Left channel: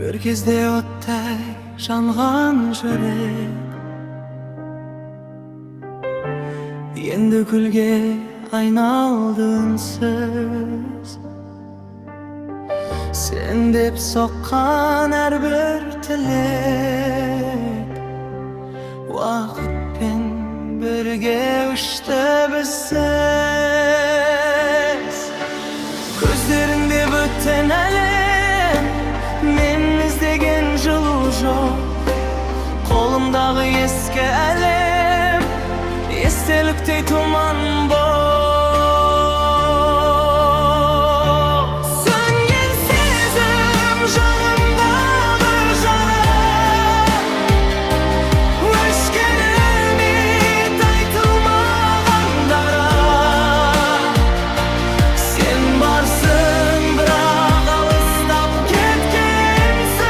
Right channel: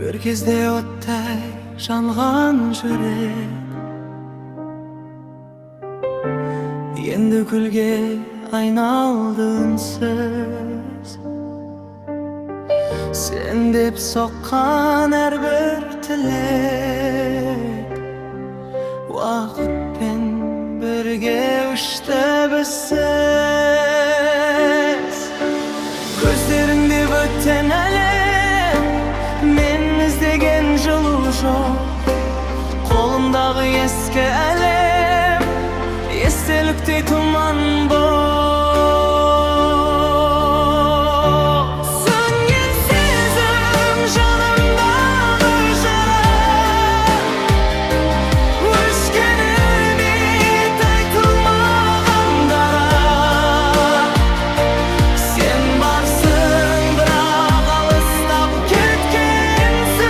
Bir кезде o'tday жанған жүрек енді күлге айналды үнсіз. Sen деп соққан әрбір тілек уақытпен бірге ұшты бізсіз. Көздеріңде бөтен әлем, мен іздеген жылу жоқ. Қолымдағы ескі әлем, естеліктей тұман боп. Сөнген сезім жанымдағы жара, өшкен үміт айтылмаған дара. Сен барсың, бірақ алыстап кеткенсің.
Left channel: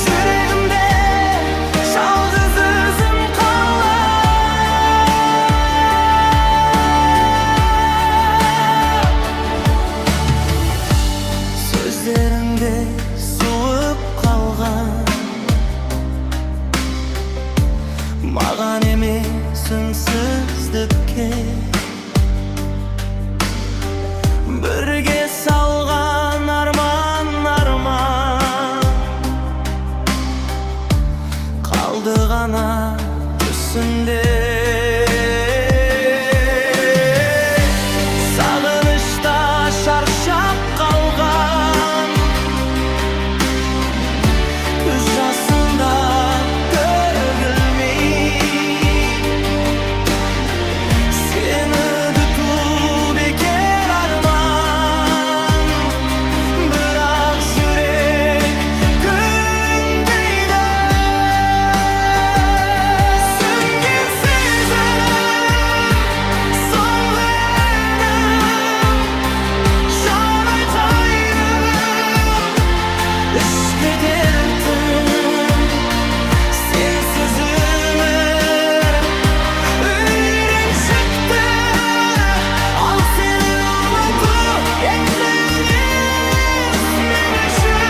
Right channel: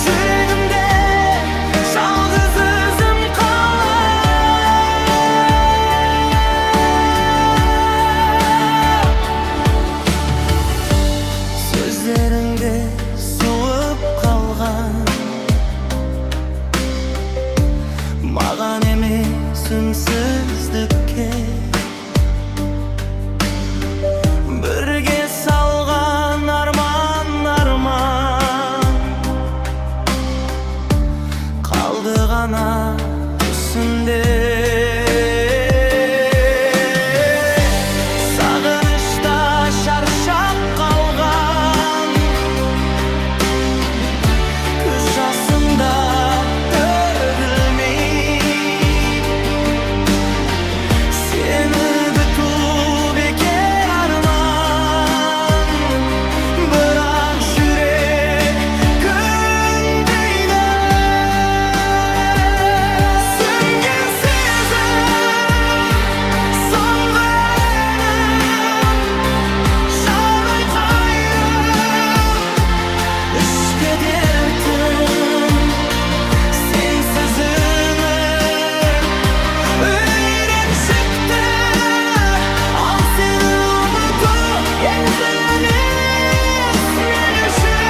Жүрегімде жалғыз өзім сөздеріңде суып қалған, маған емес үнсіздікке. Бірге салған арман қалды ғана түсінде. Сағынышта шаршап қалған, көз жасында төгілмей. Сені күту бекер арман, бірақ жүрек көнбейді. Сөнген сезім соңғы әнім, жан айқайым, ішкі дертім. Сенсіз өмір үйреншікті, ал сені ұмыту ең қиын іс мен үшін.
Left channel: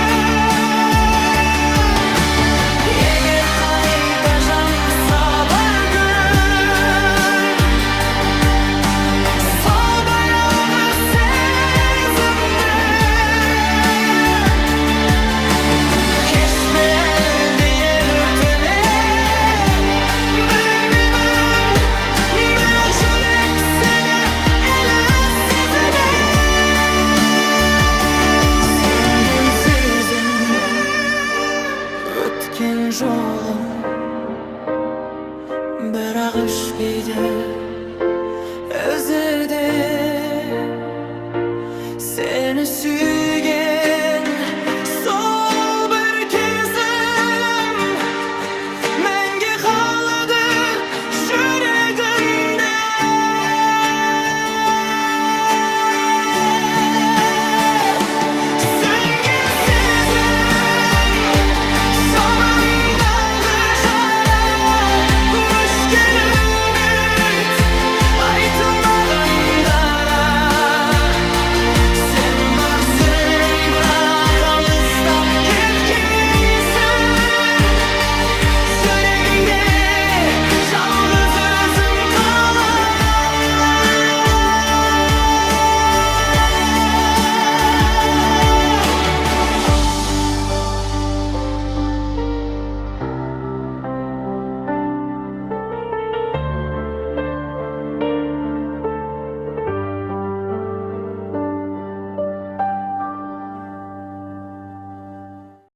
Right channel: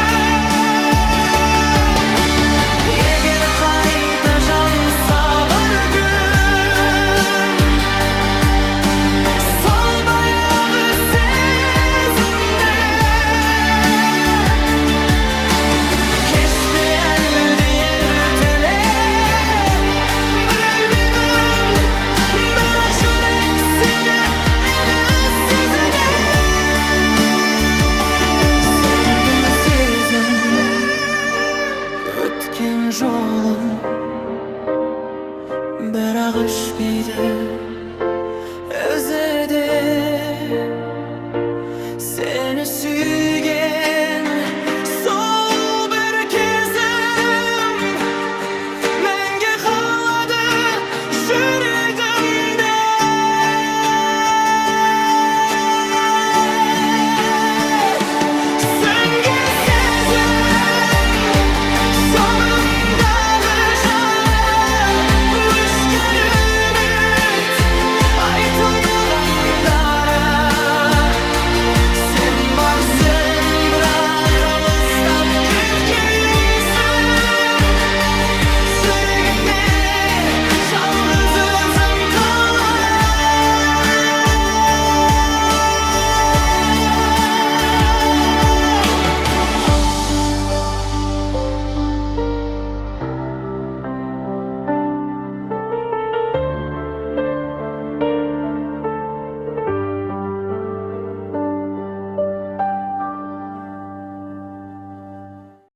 Егер қайта жанса бір күн, сол баяғы сезімде, кеш пе әлде ертеме, білмеймін, бірақ жүрек сені әлі сезінеді. Сөнген сезім өткен жолым, бірақ өшпейді өзі де. Seni